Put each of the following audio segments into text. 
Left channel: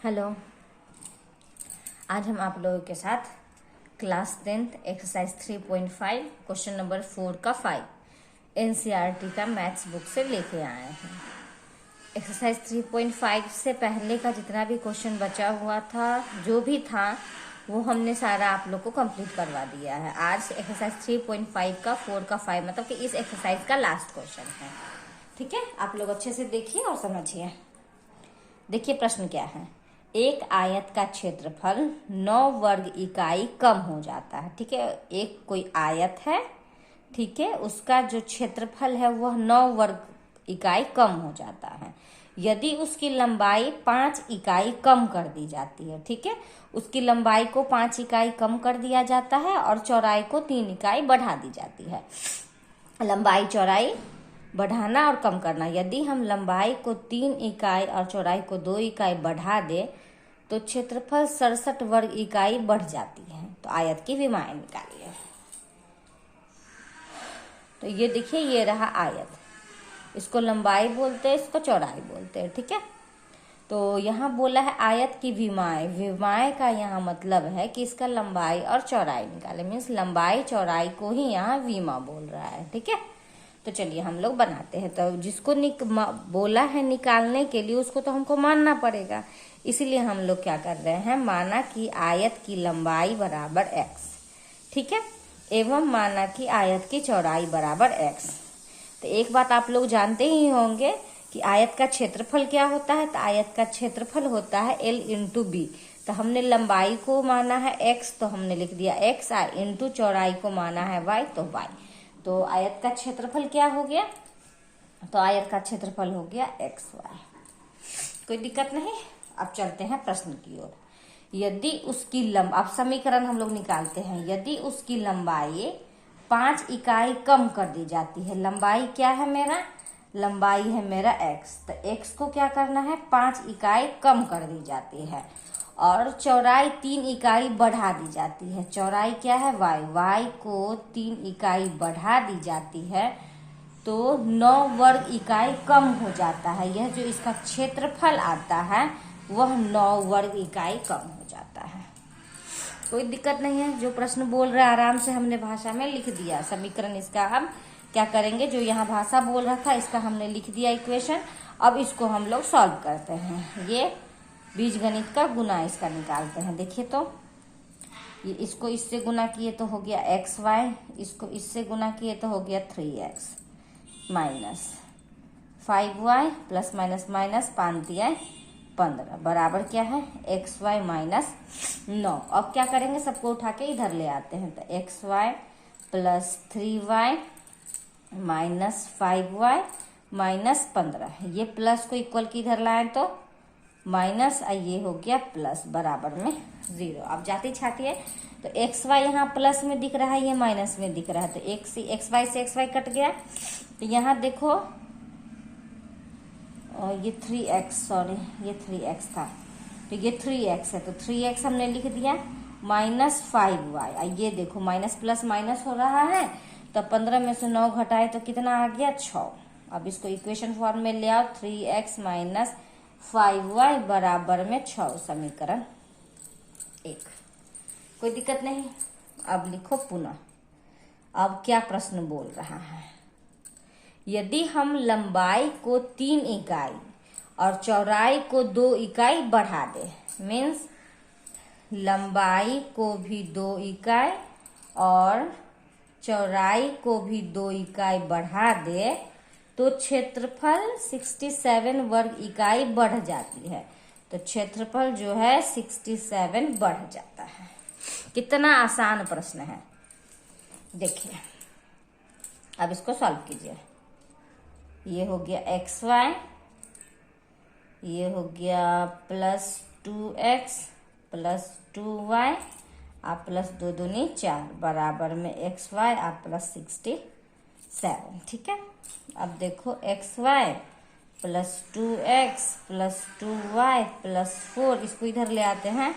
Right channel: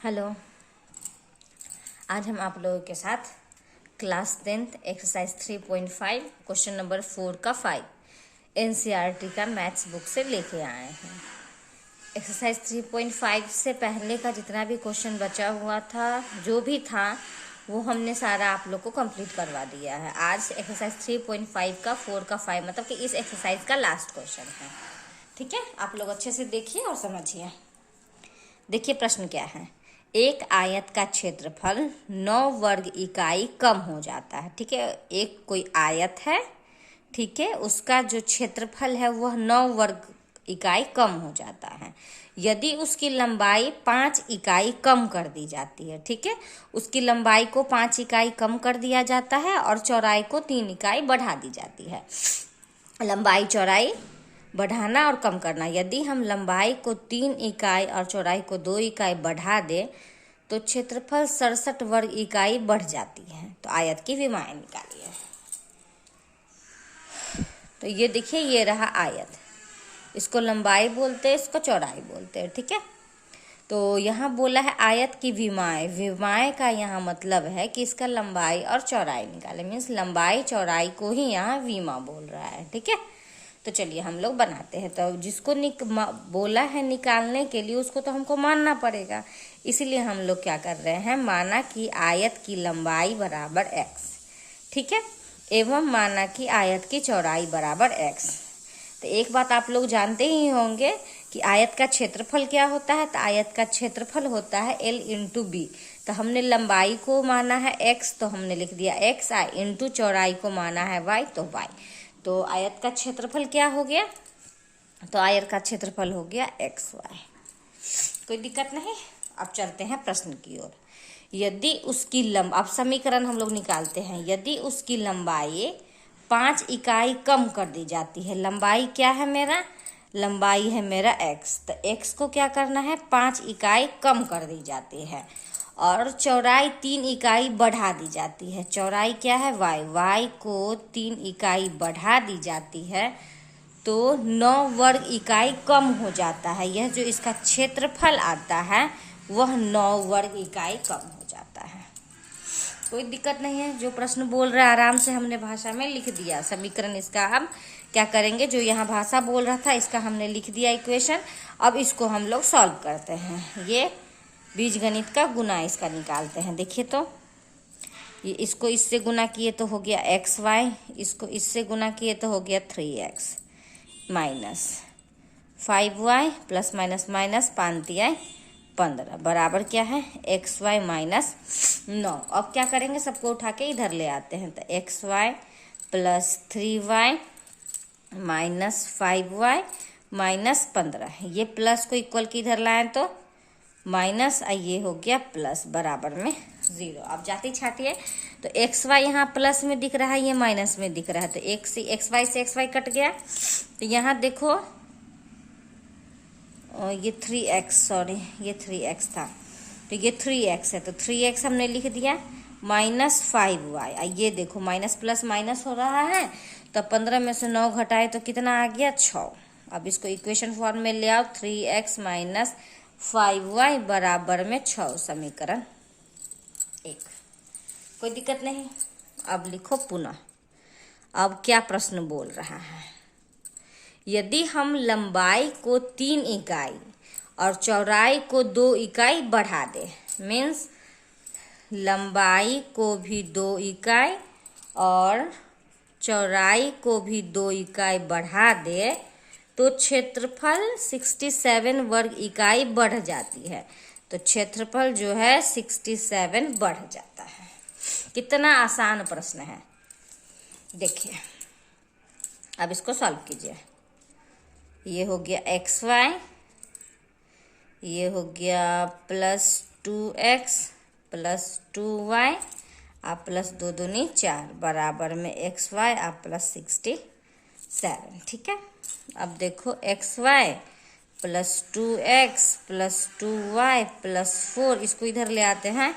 Hello. आज हम आप लोगों के साथ class 10th exercise 3.5 question number 4 का 5 एनसीईआरटी का मैथ्स बुक से लेके आए हैं। एक्सरसाइज 3.5 से पहले का जितना भी क्वेश्चन बचा हुआ था, जो भी था, वो हमने सारा आप लोग को कंप्लीट करवा दिया है। आज एक्सरसाइज 3.5 का 4 का 5 मतलब कि इस एक्सरसाइज का लास्ट क्वेश्चन है। ठीक है, आप लोग अच्छे से देखिए और समझिए। देखिए प्रश्न क्या है। एक आयत का क्षेत्रफल 9 वर्ग इकाई कम हो जाता है। ठीक है, एक कोई आयत है, ठीक है, उसका जो क्षेत्रफल है वह 9 वर्ग इकाई कम हो जाता है यदि उसकी लंबाई 5 इकाई कम कर दी जाती है। ठीक है, उसकी लंबाई को 5 इकाई कम कर दिया जाता है और चौड़ाई को 3 इकाई बढ़ा दी जाती है। लंबाई चौड़ाई बढ़ाना और कम करना। यदि हम लंबाई को 3 इकाई और चौड़ाई को 2 इकाई बढ़ा दें तो क्षेत्रफल 67 वर्ग इकाई बढ़ जाती है। तो आयत की विमाएं निकालिए। तो ये देखिए, ये रहा आयत, इसको लंबाई बोलते हैं, इसको चौड़ाई बोलते हैं। ठीक है, तो यहाँ बोला है आयत की विमाएं। विमाएं का यहाँ मतलब है कि इसका लंबाई और चौड़ाई निकाले, मीन्स लंबाई चौड़ाई को ही यहाँ विमा बोल रहा है। ठीक है, तो चलिए हम लोग बनाते हैं। तो जिसको बोला है निकालने के लिए उसको तो हमको मानना पड़ेगा, इसीलिए हम लोग क्या कर रहे हैं, माना कि आयत की लंबाई बराबर x, ठीक है, एवं माना कि आयत की चौड़ाई बराबर x। तो एक बात आप लोग जानते ही होंगे कि आयत का क्षेत्रफल क्या होता है। तो आयत का क्षेत्रफल होता है L इंटू बी। तो हमने लंबाई को माना है x, तो हमने लिख दिया x, इंटू चौड़ाई को माना है y, तो y। तो आयत का क्षेत्रफल क्या हो गया, तो आयत का क्षेत्रफल हो गया एक्स वाई। कोई दिक्कत नहीं। अब चलते हैं प्रश्न की ओर। यदि उसकी अब समीकरण हम लोग निकालते हैं। यदि उसकी लंबाई 5 इकाई कम कर दी जाती है, लंबाई क्या है मेरा, लंबाई है मेरा x, तो x को क्या करना है, 5 इकाई कम कर दी जाती है और चौड़ाई 3 इकाई बढ़ा दी जाती है। चौड़ाई क्या है y, y को 3 इकाई बढ़ा दी जाती है तो 9 वर्ग इकाई कम हो जाता है। यह जो इसका क्षेत्रफल आता है वह 9 वर्ग इकाई कम हो जाता है। कोई दिक्कत नहीं है, जो प्रश्न बोल रहा है आराम से हमने भाषा में लिख दिया। समीकरण इसका हम क्या करेंगे, जो यहाँ भाषा बोल रहा था इसका हमने लिख दिया इक्वेशन। अब इसको हम लोग सॉल्व करते हैं। ये बीजगणित का गुना इसका निकालते हैं। देखिए तो ये इसको इससे गुना किए तो हो गया एक्स वाई, इसको इससे गुना किए तो हो गया 3x minus 5y plus minus minus 5×15 बराबर क्या है एक्स वाई माइनस 9। अब क्या करेंगे, सबको उठा के इधर ले आते हैं। तो x y plus 3y minus 5y minus 15, ये प्लस को इक्वल की इधर लाएं तो माइनस, ये हो गया प्लस, बराबर में 0। अब जाती छाती है तो एक्स वाई यहाँ प्लस में दिख रहा है, ये माइनस में दिख रहा है, तो एक्स वाई से एक्स वाई कट गया। तो यहाँ देखो ये 3x, सॉरी ये 3x था, तो ये 3x है, तो 3x हमने लिख दिया माइनस 5y। ये देखो माइनस प्लस माइनस हो रहा है, तो 15 में से 9 घटाए तो कितना आ गया 6। अब इसको इक्वेशन फॉर्म में ले आओ, 3x माइनस 5y बराबर में 6, समीकरण 1। कोई दिक्कत नहीं। अब लिखो पुनः। अब क्या प्रश्न बोल रहा है, यदि हम लंबाई को 3 इकाई और चौड़ाई को 2 इकाई बढ़ा दे, मीन्स लंबाई को भी 2 इकाई और चौड़ाई को भी 2 इकाई बढ़ा दे तो क्षेत्रफल 67 वर्ग इकाई बढ़ जाती है। तो क्षेत्रफल जो है 67 बढ़ जाता है। कितना आसान प्रश्न है, देखिए। अब इसको सॉल्व कीजिए। ये हो गया एक्स वाई, ये हो गया प्लस 2x प्लस 2y, आप प्लस 2 दूनी 4 बराबर में एक्स वाई आप प्लस 67। ठीक है, अब देखो x y plus 2x plus 2y plus 4, इसको इधर ले आते हैं,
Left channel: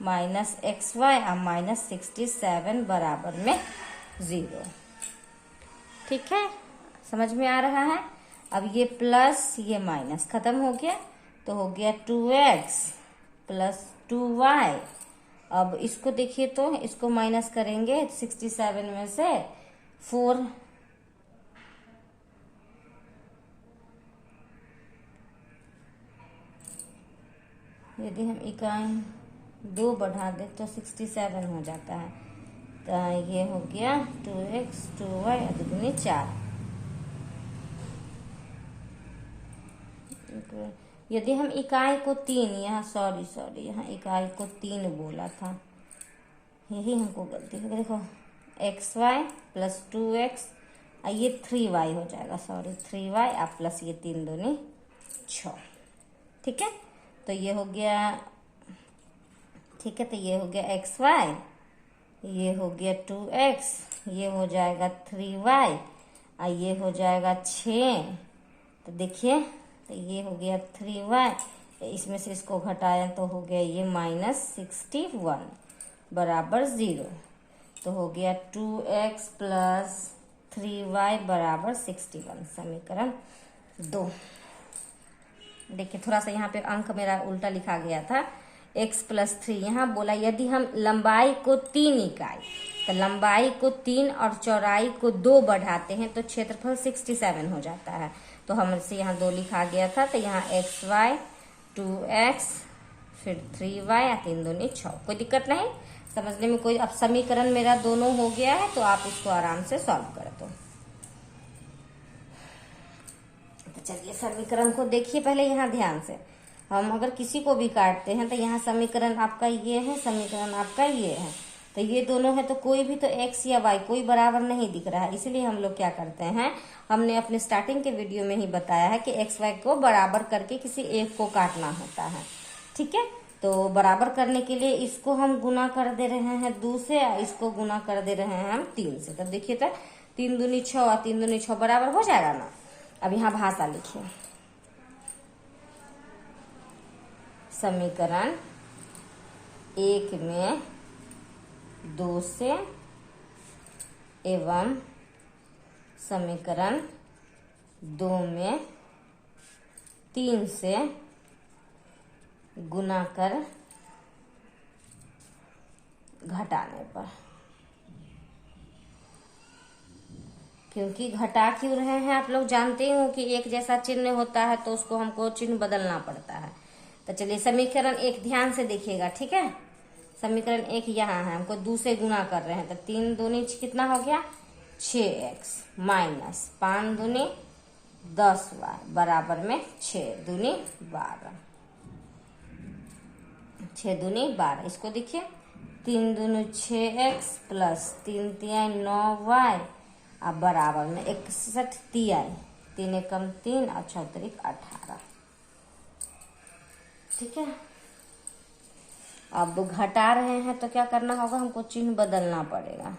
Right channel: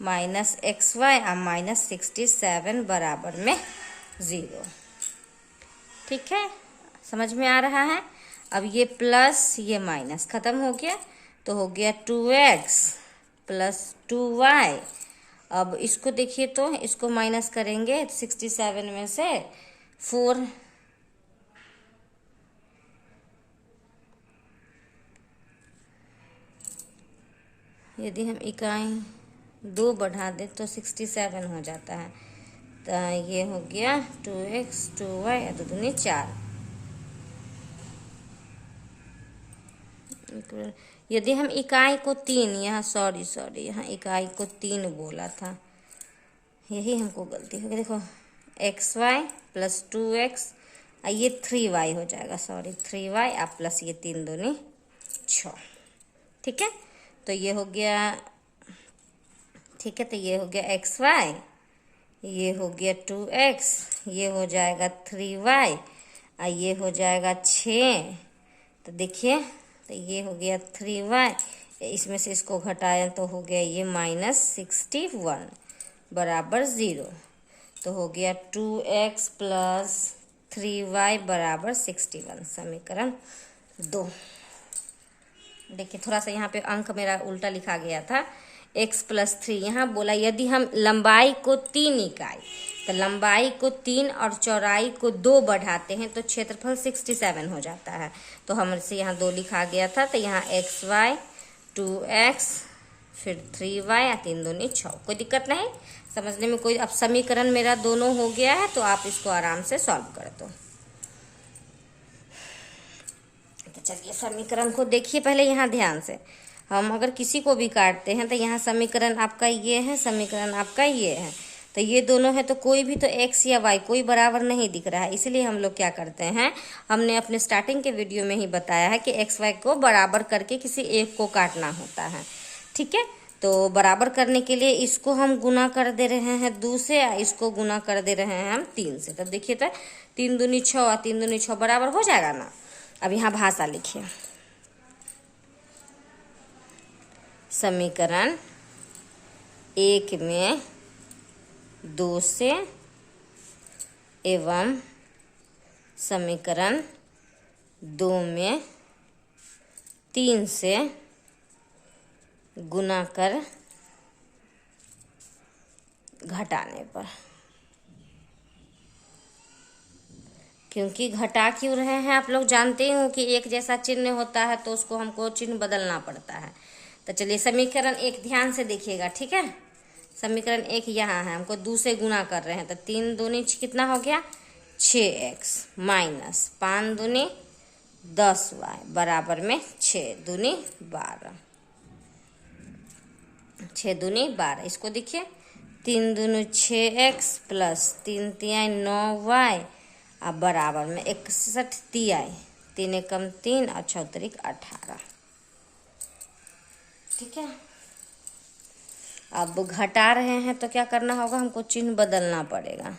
माइनस एक्स वाई और माइनस 67 बराबर में 0। ठीक है, समझ में आ रहा है। अब ये प्लस ये माइनस खत्म हो गया, तो हो गया 2x प्लस 2y। अब इसको देखिए तो इसको माइनस करेंगे 67 में से 4, यदि हम इकाई 2 बढ़ा दें तो 67 हो जाता है। तो ये हो गया 2x 2y 2 दूनी 4। यदि हम इकाई को 3, यहाँ सॉरी यहाँ इकाई को 3 बोला था, यही हमको गलती हो गई। देखो xy प्लस 2x, ये 3y हो जाएगा, सॉरी 3y आप प्लस ये 3 दूनी 6। ठीक है, तो ये हो गया, ठीक है, तो ये हो गया xy, ये हो गया 2x, ये हो जाएगा 3y और ये हो जाएगा 6। तो देखिए, तो ये हो गया 3y, इसमें से इसको घटाएं तो हो गया ये -61 बराबर 0। तो हो गया 2x प्लस 3y बराबर 61, समीकरण 2। देखिए थोड़ा सा यहाँ पे अंक मेरा उल्टा लिखा गया था, x प्लस 3। यहाँ बोला यदि हम लंबाई को 3 इकाई, तो लंबाई को 3 और चौड़ाई को 2 बढ़ाते हैं तो क्षेत्रफल 67 हो जाता है। तो हमसे यहाँ 2 लिखा गया था, तो यहाँ xy 2x फिर 3y या 3 दूनी 6। कोई दिक्कत नहीं समझने में कोई। अब समीकरण मेरा दोनों हो गया है, तो आप इसको आराम से सॉल्व कर दो। तो चलिए समीकरण को देखिए पहले यहाँ ध्यान से। हम अगर किसी को भी काटते हैं तो यहाँ समीकरण आपका ये है, समीकरण आपका ये है, तो ये दोनों है, तो कोई भी तो x या y कोई बराबर नहीं दिख रहा है। इसलिए हम लोग क्या करते हैं, हमने अपने स्टार्टिंग के वीडियो में ही बताया है कि x y को बराबर करके किसी एक को काटना होता है। ठीक है, तो बराबर करने के लिए इसको हम गुना कर दे रहे हैं 2 से, इसको गुना कर दे रहे हैं हम 3 से। तो देखिए तो 3 दूनी 6 और 3 दूनी 6 बराबर हो जाएगा ना। अब यहाँ भाषा लिखिए, समीकरण 1 में 2 से एवं समीकरण 2 में 3 से गुना कर घटाने पर। क्योंकि घटा क्यों रहे हैं, आप लोग जानते हो कि एक जैसा चिन्ह होता है तो उसको हमको चिन्ह बदलना पड़ता है। तो चलिए समीकरण 1 ध्यान से देखिएगा। ठीक है, समीकरण 1 यहाँ है, हमको 2 से गुना कर रहे हैं, तो 3 दूनी कितना हो गया 6x माइनस 5 दूनी 10y बराबर में 6 दूनी 12, 6 दूनी 12। इसको देखिए 3 दूनी 6x प्लस 3 तिहाई 9y अब बराबर में 61 तिहाई, 3 एकम 3 और 6 तरीक 18। ठीक है, अब घटा रहे हैं तो क्या करना होगा, हमको चिन्ह बदलना पड़ेगा।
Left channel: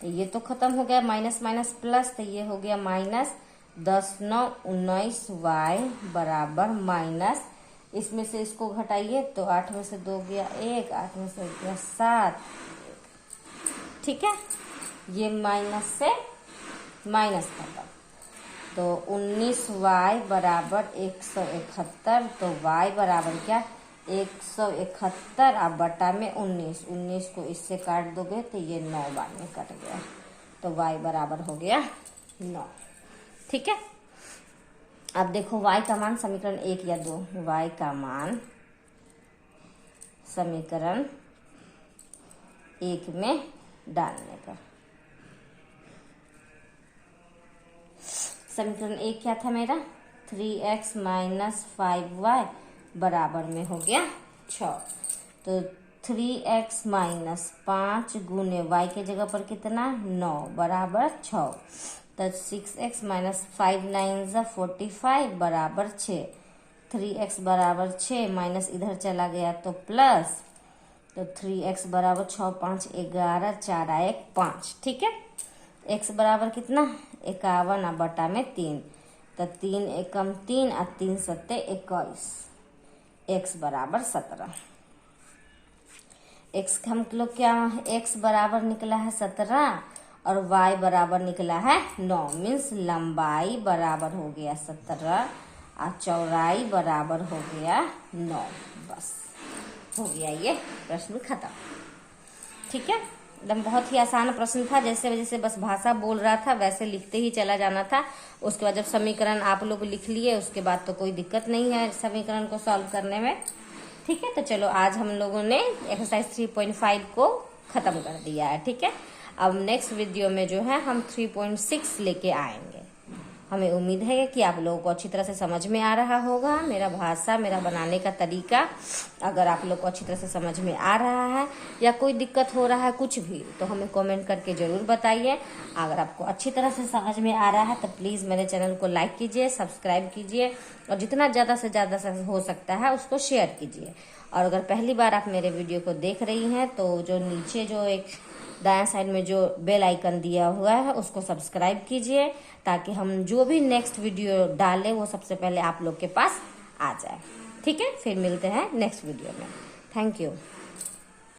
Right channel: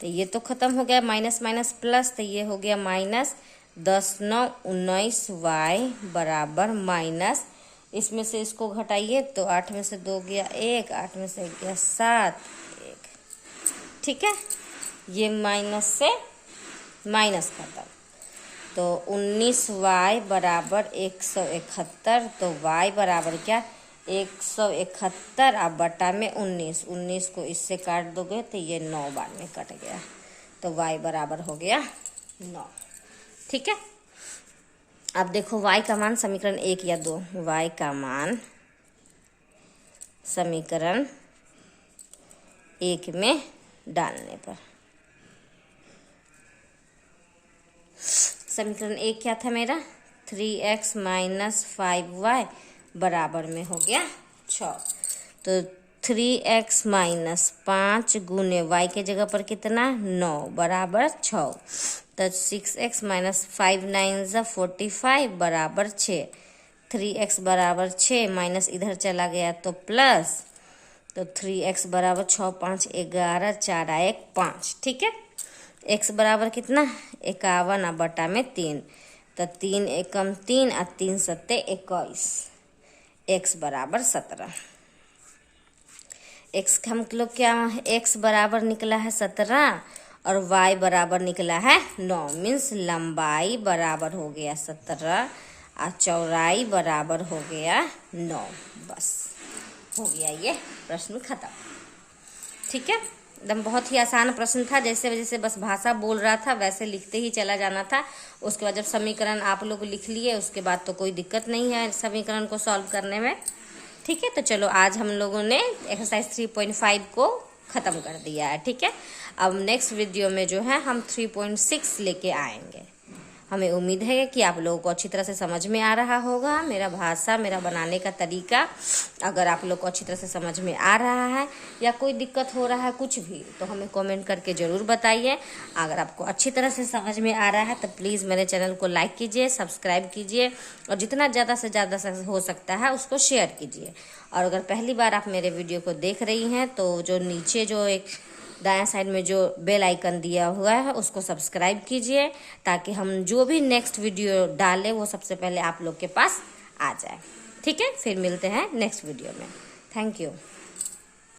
तो ये तो खत्म हो गया, माइनस माइनस प्लस, तो ये हो गया माइनस 10 9 19y बराबर माइनस, इसमें से इसको घटाइए तो 8 में से 2 गया 1, 8 में से गया 7 1। ठीक है, ये माइनस से माइनस खत्म, तो 19y बराबर 171। तो y बराबर क्या 171 अब बटा में 19 को इससे काट दोगे तो ये 9 बार में कट गया, तो y बराबर हो गया 9। ठीक है, अब देखो y का मान समीकरण 1 या 2, y का मान समीकरण 1 में डालने पर, समीकरण 1 क्या था मेरा 3x माइनस 5y बराबर में हो गया 6। तो 3x माइनस 5 गुने y के जगह पर कितना 9 बराबर 6, तो 6x माइनस 5 9 45 बराबर 6। 3x बराबर 6 माइनस इधर चला गया तो प्लस, तो 3x बराबर 6 5 11 4 1 5। ठीक है, x बराबर कितना 51 बटा में 3, तो 3 एकम 3 और 3 सत्ते 21, x बराबर 17। x हम लोग क्या x बराबर निकला है 17 और y बराबर निकला है 9, मीन्स लंबाई बराबर हो गया 17 और चौड़ाई बराबर हो गया 9। बस हो गया ये प्रश्न खत्म। ठीक है, एकदम बहुत ही आसान प्रश्न था। जैसे जैसे बस भाषा बोल रहा था वैसे लिखते ही चला जाना था। उसके बाद जब समीकरण आप लोग लिख लिए उसके बाद तो कोई दिक्कत नहीं है समीकरण को सॉल्व करने में। ठीक है, तो चलो आज हम लोगों ने एक्सरसाइज 3.5 को ख़त्म कर दिया है। ठीक है, अब नेक्स्ट वीडियो में जो है हम 3.6 लेके आएंगे। हमें उम्मीद है कि आप लोगों को अच्छी तरह से समझ में आ रहा होगा मेरा भाषा, मेरा बनाने का तरीका। अगर आप लोग को अच्छी तरह से समझ में आ रहा है या कोई दिक्कत हो रहा है कुछ भी, तो हमें कमेंट करके ज़रूर बताइए। अगर आपको अच्छी तरह से समझ में आ रहा है तो प्लीज़ मेरे चैनल को लाइक कीजिए, सब्सक्राइब कीजिए और जितना ज़्यादा से ज़्यादा हो सकता है उसको शेयर कीजिए। और अगर पहली बार आप मेरे वीडियो को देख रही हैं तो जो नीचे जो एक दायां साइड में जो बेल आइकन दिया हुआ है उसको सब्सक्राइब कीजिए, ताकि हम जो भी नेक्स्ट वीडियो डालें वो सबसे पहले आप लोग के पास आ जाए। ठीक है, फिर मिलते हैं नेक्स्ट वीडियो में। Thank you.